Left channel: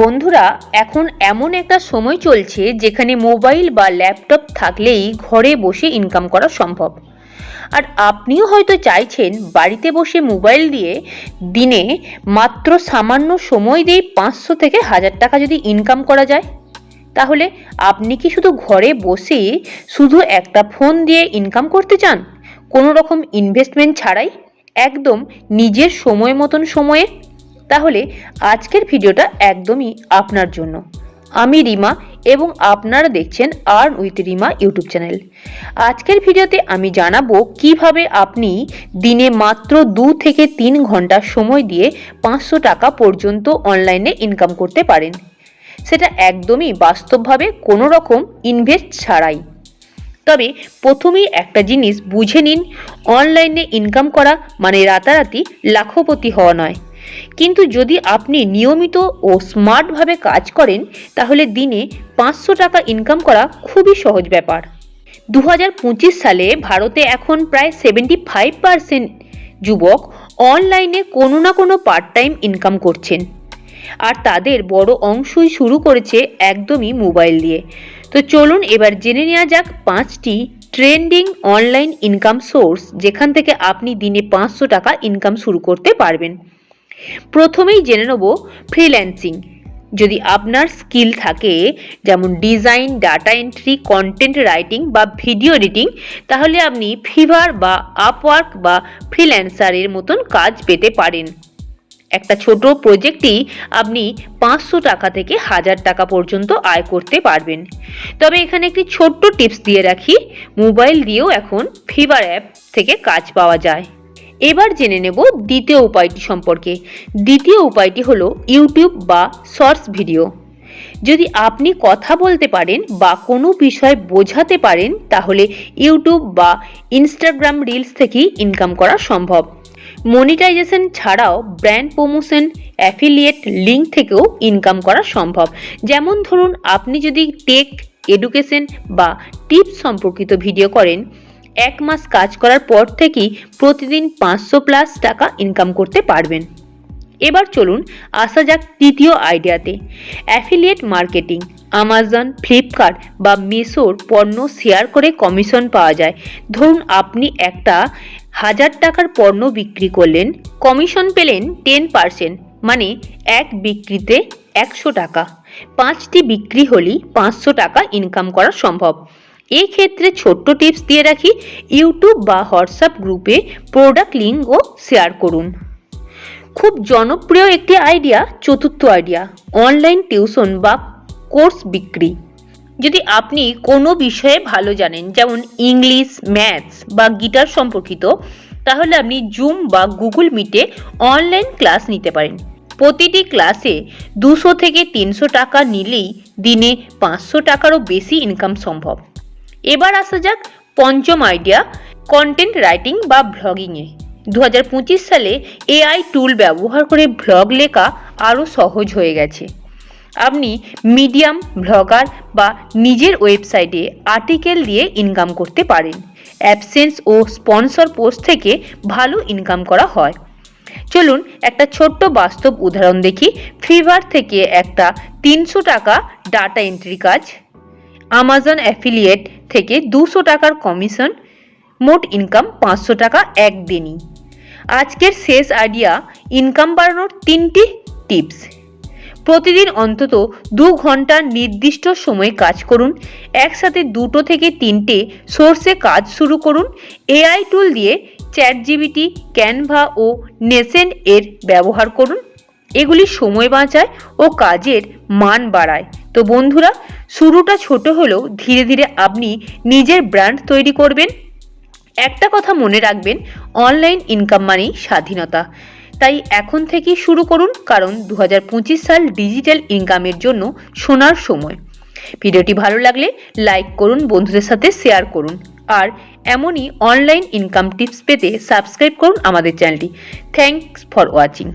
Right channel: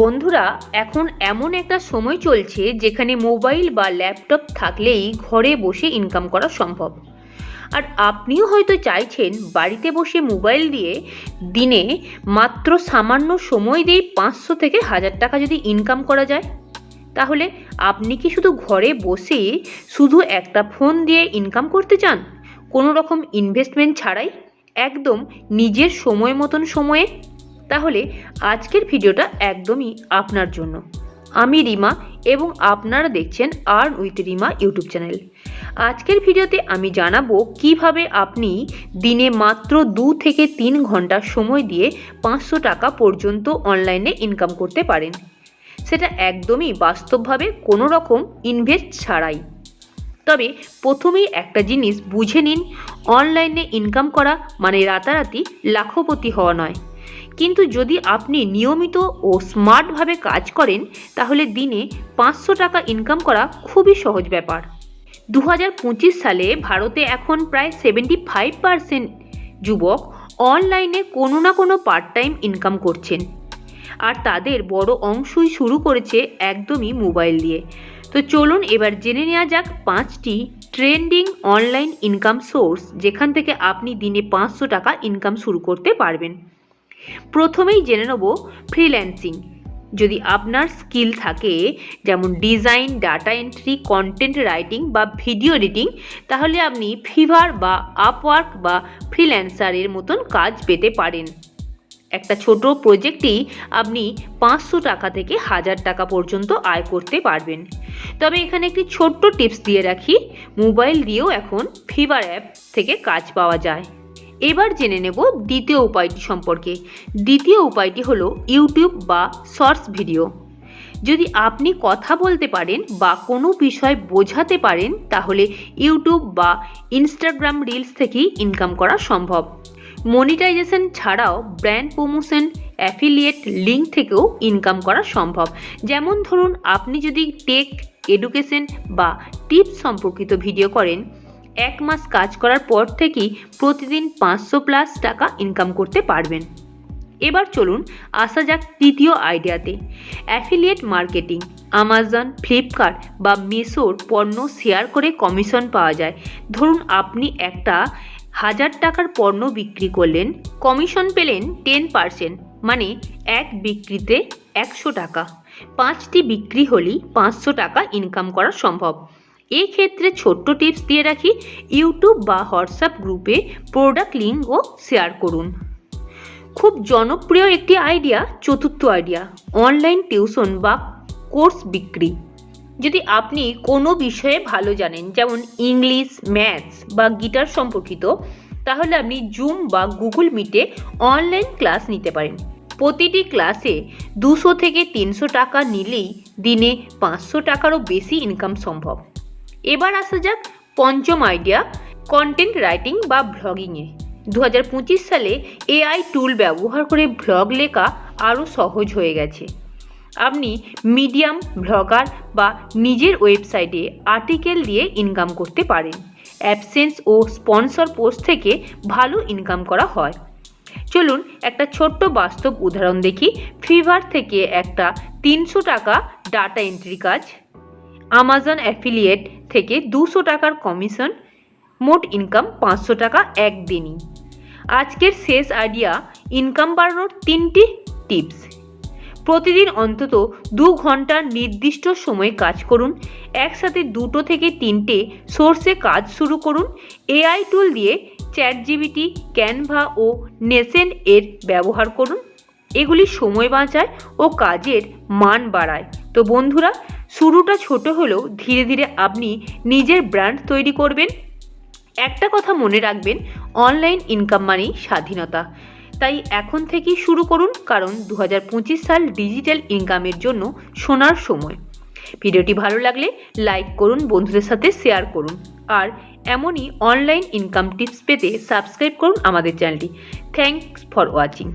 বন্ধুরা, এখন এমন একটা সময় চলছে যেখানে মোবাইল বা ল্যাপটপ থাকলেই ঘরে বসে ইনকাম করা সম্ভব। আর আপনিও হয়তো চাইছেন বাড়িতে বসে মোবাইল দিয়ে দিনে মাত্র সামান্য সময় দিয়ে 500 থেকে 1000 টাকা যদি ইনকাম করা যায়। তাহলে আপনি কি শুধু ঘরে বসে শুধু একটা ফোন দিয়ে ইনকাম করতে চান, কোনো রকম ইনভেস্টমেন্ট ছাড়াই, একদম নিজের সময় মতন সময়ে? তাহলে আজকের ভিডিওটা একদমই আপনার জন্য। আমি রিমা এবং আপনারা দেখছেন earn with Rima YouTube channel. আজকের ভিডিওতে আমি জানাবো কিভাবে আপনি দিনে মাত্র 2 থেকে 3 ঘন্টা সময় দিয়ে 500 টাকা পর্যন্ত অনলাইনে ইনকাম করতে পারেন, সেটা একদমই বাস্তবভাবে কোনো রকম ইনভেস্ট ছাড়াই। তবে প্রথমেই একটা জিনিস বুঝে নিন, অনলাইনে ইনকাম করা মানে রাতারাতি লাখপতি হওয়া নয়। কিন্তু যদি আপনি নিয়মিত ও স্মার্টভাবে কাজ করেন তাহলে দিনে 500 টাকা ইনকাম করা খুবই সহজ ব্যাপার। 2025 সালে ভারতে এখন প্রায় 75% যুবক অনলাইনে কোনো না কোনো পার্ট টাইম ইনকাম করছেন, আর তাদের বড় অংশই শুরু করেছে একদমই মোবাইল দিয়ে। তো চলুন এবার জেনে নেওয়া যাক 5টি ট্রেন্ডিং অনলাইন ইনকাম সোর্স যেখান থেকে আপনি দিনে 500 টাকা ইনকাম শুরু করতে পারবেন। প্রথমেই জেনে নেব ফ্রিল্যান্সিং। যদি আপনার স্কিল থাকে, যেমন design, data entry, content writing বা ভিডিও এডিটিং, তাহলে আপনি ফিভার বা আপওয়ার্ক বা ফ্রিল্যান্সারের মতন কাজ পেতে পারেন। একটা ছোট প্রজেক্টেই আপনি 500 টাকা থেকে 1000 টাকা পর্যন্ত আয় করতে পারবেন। তবে এখানে একটি ছোট্ট টিপস দিয়ে রাখি, মোবাইল দিয়েও এখন ফিভার অ্যাপ থেকে কাজ পাওয়া যায়। এবার জেনে নেব দ্বিতীয় উপায়টি সম্পর্কে। দ্বিতীয় উপায়টি হলো ইউটিউব বা শর্টস ভিডিও। যদি আপনি কথা বলতে পারেন বা কোনো বিষয় বোঝাতে পারেন তাহলে ইউটিউব বা ইনস্টাগ্রাম রিলস থেকেই ইনকাম করা সম্ভব। মনিটাইজেশন ছাড়াও ব্র্যান্ড প্রমোশন, অ্যাফিলিয়েট লিঙ্ক থেকেও ইনকাম করা সম্ভব। যেমন ধরুন, আপনি যদি টেক, এডুকেশন বা টিপস সম্পর্কিত ভিডিও করেন, 1 মাস কাজ করার পর থেকেই প্রতিদিন 500+ টাকা ইনকাম করতে পারবেন। এবার চলুন আসা যাক তৃতীয় আইডিয়াতে, অ্যাফিলিয়েট মার্কেটিং। আমাজন, ফ্লিপকার্ট বা মিশোর পণ্য শেয়ার করে কমিশন পাওয়া যায়। ধরুন আপনি একটা 1000 টাকার পণ্য বিক্রি করলেন, কমিশন পেলেন 10%, মানে এক বিক্রিতে 100 টাকা। 5টি বিক্রি হলেই 500 টাকা ইনকাম করা সম্ভব। এই ক্ষেত্রে ছোট্ট টিপস দিয়ে রাখি, ইউটিউব বা হোয়াটসঅ্যাপ গ্রুপে প্রোডাক্ট লিঙ্কও শেয়ার করুন। খুব জনপ্রিয় একটি আইডিয়া, চতুর্থ আইডিয়া, অনলাইন টিউশন বা কোর্স বিক্রি। যদি আপনি কোনো বিষয়ে ভালো জানেন, যেমন ইংলিশ, ম্যাথস বা গিটার সম্পর্কিত, তাহলে আপনি জুম বা গুগল মিটে অনলাইন ক্লাস নিতে পারেন। প্রতিটি ক্লাসে 200 থেকে 300 টাকা নিলেই দিনে 500 টাকারও বেশি ইনকাম সম্ভব। এবার আসা যাক পঞ্চম আইডিয়া, কন্টেন্ট রাইটিং বা ব্লগিংয়ে। 2025 সালে এআই টুল ব্যবহার করে ব্লগ লেখা আরও সহজ হয়ে গেছে। আপনি মিডিয়াম, ব্লগার বা নিজের ওয়েবসাইটে আর্টিকেল দিয়ে ইনকাম করতে পারেন। অ্যাডসেন্স ও স্পন্সর পোস্ট থেকে ভালো ইনকাম করা হয়। চলুন একটা ছোট্ট বাস্তব উদাহরণ দেখি। ফিভার থেকে একটা 300 টাকা ডাটা এন্ট্রি কাজ, আমাজন অ্যাফিলিয়েট থেকে 200 টাকার কমিশন, মোট ইনকাম 500 টাকা একদিনই। আজকের শেষ আইডিয়া, ইনকাম বাড়ানোর 3টি টিপস। প্রতিদিন অন্তত 2 ঘন্টা নির্দিষ্ট সময়ে কাজ করুন। একসাথে 2 থেকে 3টে সোর্সে কাজ শুরু করুন। এআই টুল দিয়ে চ্যাটজিপিটি, ক্যানভা ও নেসেন্ট এর ব্যবহার করুন। এগুলি সময় বাঁচায় ও কাজের মান বাড়ায়। তো বন্ধুরা, শুরুটা ছোট হলেও ধীরে ধীরে আপনি নিজের ব্র্যান্ড তৈরি করবেন। একটা কথা মনে রাখবেন, অনলাইন ইনকাম মানেই স্বাধীনতা। তাই এখন থেকেই শুরু করুন, কারণ 2025 সাল ডিজিটাল ইনকামের জন্য সোনার সময়। ভিডিওটি ভালো লাগলে লাইক করুন, বন্ধুদের সাথে শেয়ার করুন, আর এমনই অনলাইন ইনকাম টিপস পেতে সাবস্ক্রাইব করুন আমাদের চ্যানেলটি। Thanks for watching.